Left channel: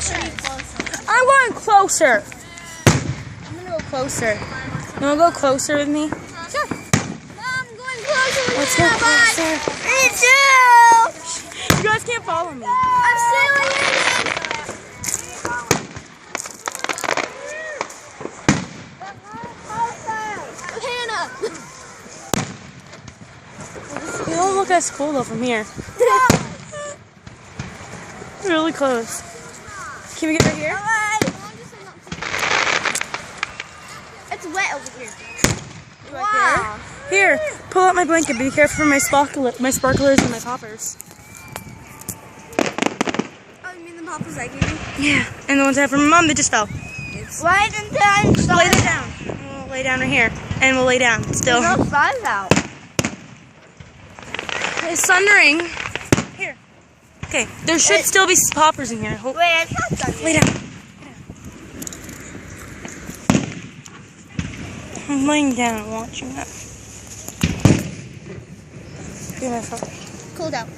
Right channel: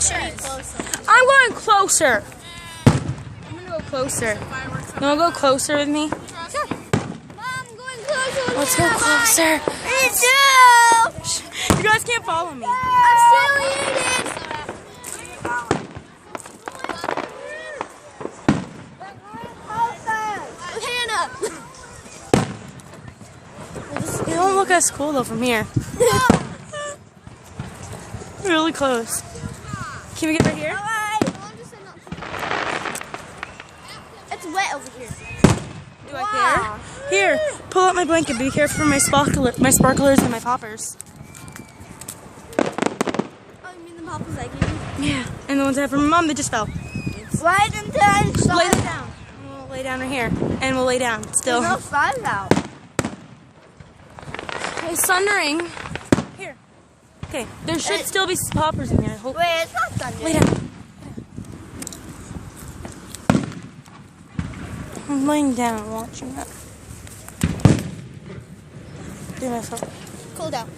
I'm going closer. I'm gonna go closer. You wanna go closer with me? Sure. Mom, I'm going closer. Let's go closer. Me too. You guys can't follow me. I'm still in it. Hannah. They don't look as cool though from here. Really close. Can we get right here? It's wet over here. You like there? Here, pull out my blanket. Be careful for my sparklers and my poppers. Oh, you mean the poppers I gave you? Yeah, and the ones I have from my mom, they just fell. Why didn't I Lay them down. We'll lay down right here, and we'll lay down still. There's no sun out. It's thundering. Here. Okay, there should still be poppers in here. I hope. Wait, it's not sun Lay yet. down. I'm laying down and watching that. Do my phone. Cool down.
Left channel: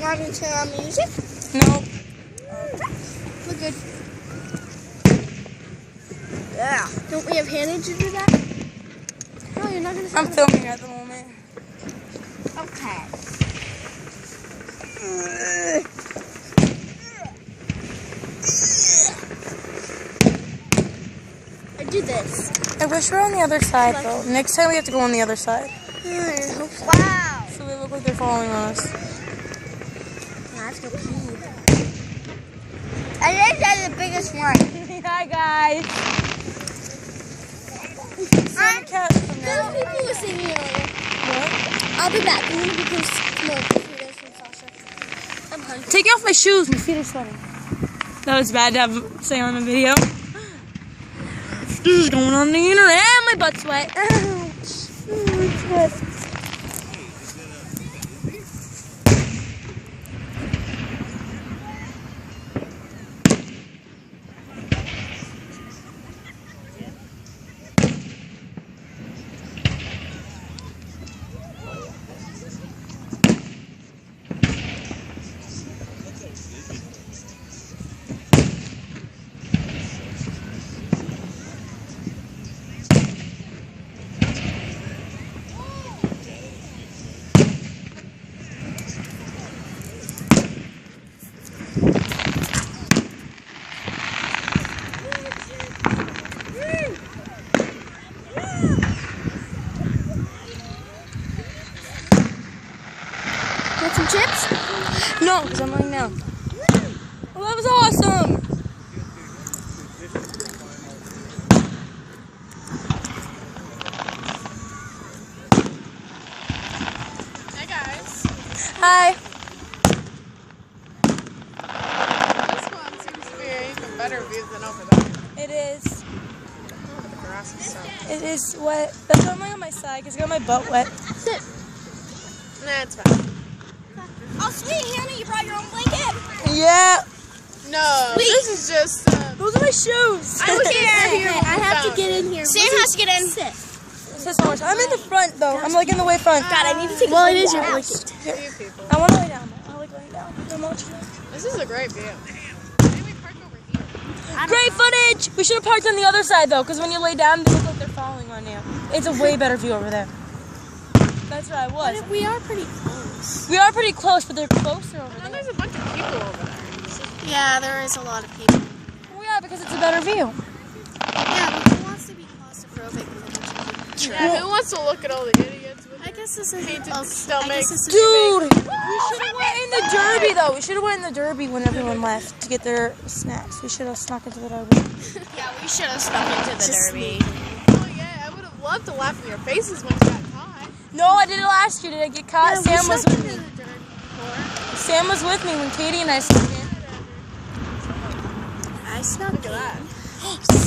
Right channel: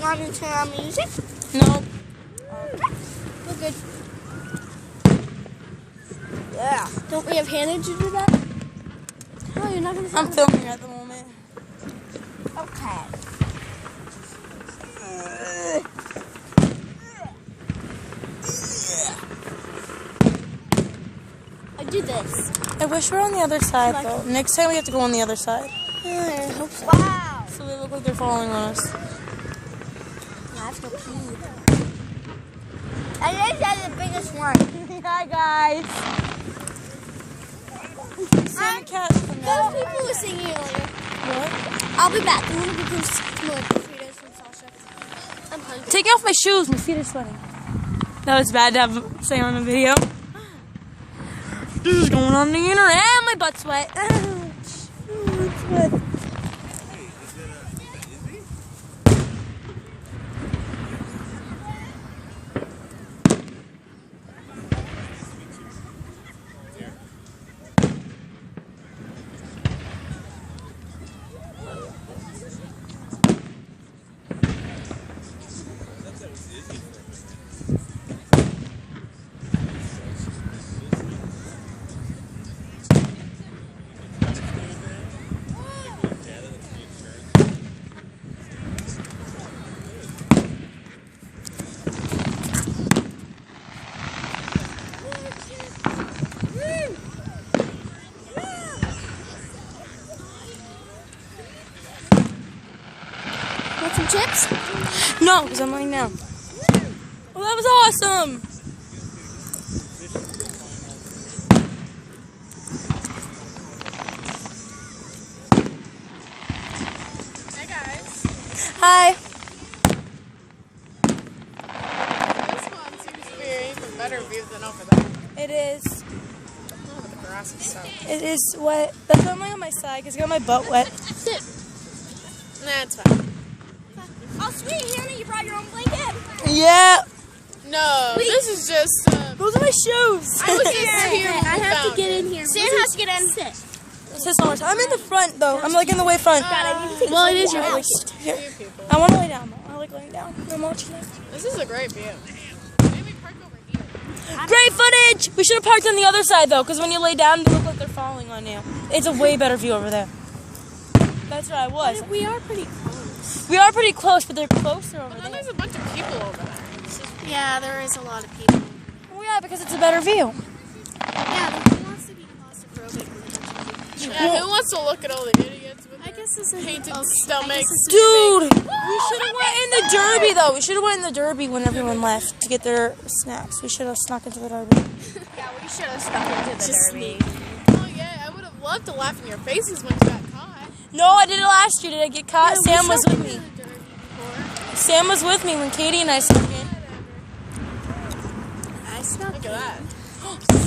Want me to turn on music? Nope. We're good. Yeah. Don't we have Hannah to do that? No, you're not going to I'm filming at the moment. Okay. I do this. I wish we were on the other side though. Next time we have to go on the other side. Wow. So they look like they're following on us. I have to pee. I think that's the biggest one. Hi guys. Some cats from There are there. people who are singing later. What? I'll be back because I'm hungry. Take off my shoes. My feet are sweating. That was bad to have say on the video. This is going on the internet. Ah, my butt's wet. It's wet. Want some chips? No, because I'm laying down. Oh, that was awesome. Hi guys. Hi. This one seems to be a better view than over there. It is. Look at the grass inside. It is wet. That's why I'm laying on my side because I got my butt wet. Sit. Nah, it's fine. Oh, sweet, Hannah, you brought your own blanket. Yeah. No, this is just. Those are my shoes. I was here. I have to get in here. Sam has to get in. Sit. It says so much. I'm in the front though. I'm like in the way front. God, I need to take Well, a it is your photo. blanket. Here. I want to lay down. I like laying down. I'm watching it. This is a great view. Great footage. We should have parked on the other side though, because when you lay down, they look like they're falling on you. It's a way better view over there. That's where I was. We are pretty close. We are pretty close, but they're closer over And then there. there's a bunch of people over there. Yeah, there is a lot of people. Oh yeah, because it's a better view. Yeah, but who wants to be claustrophobic with a bunch of people? Yeah, who wants to look at all the idiots with I guess this is painted I stomachs? guess this is Dude, we should have went in the Derby though. We should have went in the Derby when everyone left to get their snacks. We should have snuck into the Derby. Yeah, we should have snuck into the Just derby. Oh yeah, I would have loved to laugh in your faces when you got caught. No, I did it last year. Did I get caught? Yeah, Sam was with me. the Derby before. Sam was with me when Katie and I snuck in. I snuck Look at that.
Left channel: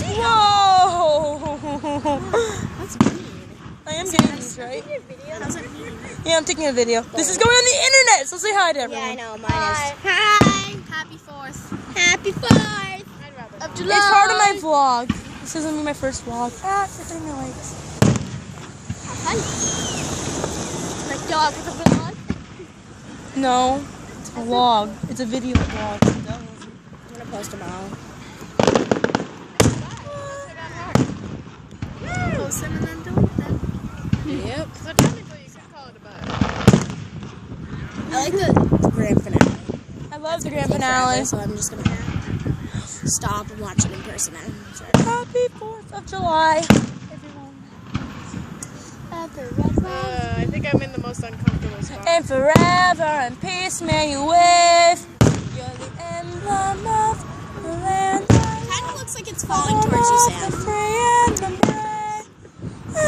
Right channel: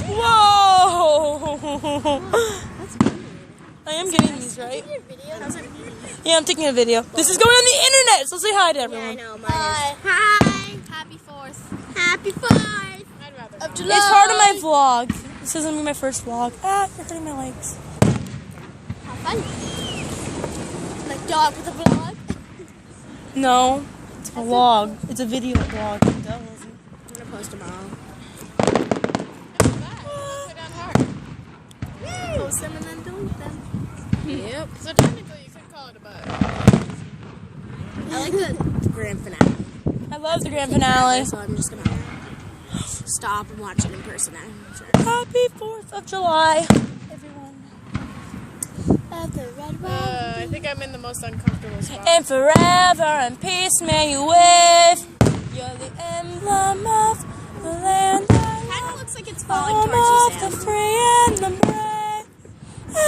Whoa! That's weird. I am getting these, right? How's it? Yeah, I'm taking a video. This is going on the internet, so say hi to Yeah, I everyone. know. Mine is. Hi. Happy 4th. Happy 4th of July. It's part of my vlog. This isn't my first vlog. Ah, they're hitting my legs. Have fun. Like dog with a vlog. No, it's A log. It's a video blog. I'm gonna post them all. Post them and then delete them. Yep. So technically you can call it a bug. I like the grand finale. I love the grand Forever, finale. so I'm just gonna stop and watch it in person now. So. Happy 4th of July, everyone. I think I'm in the most uncomfortable spot. And forever and peace may you wave. You're the emblem of the land. Kind of looks like it's falling towards you, Of the Sam. free and the brave.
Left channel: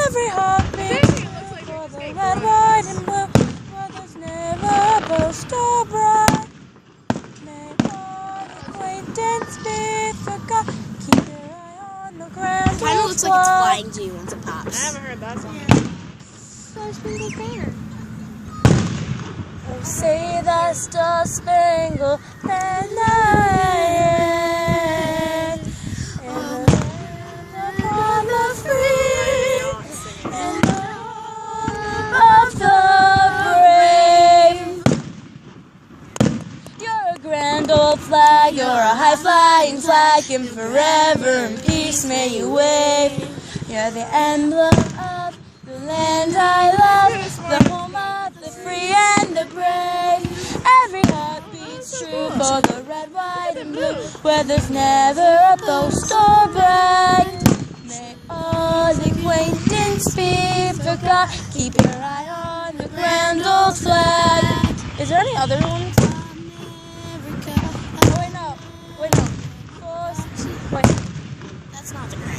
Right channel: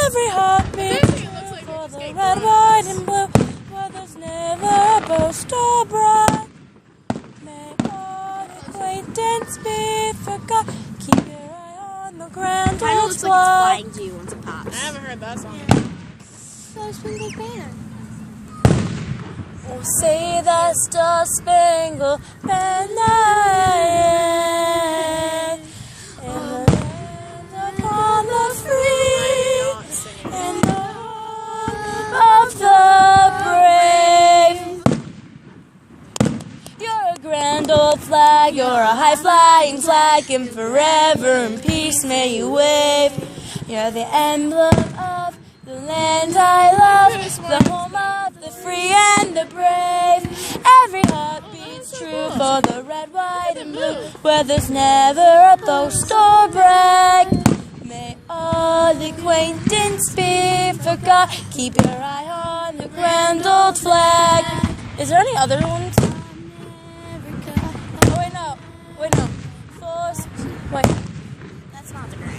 Every heartbeat It looks like for you're the escaping. red, white, and blue. Where there's never a boast or bright. May all acquaintance be forgot. Keep your eye on the ground. Kind of looks like it's flying to you once it I pops. haven't heard that song. Star-Spangled Banner. Oh, say the Star-Spangled Banner. And the land upon the free and of the brave. You're a grand old flag, you're a high-flying flag, and forever in peace may you wave. You're the emblem of the land I love, the home of the free and the brave. Every heart beats true for the red, white, and blue, where there's never a boast or brag. May all acquaintance be forgot. Keep your eye on the grand old flag. Is there any other ones? Oh, wait, no. Wait, no. Wait. That's not the grand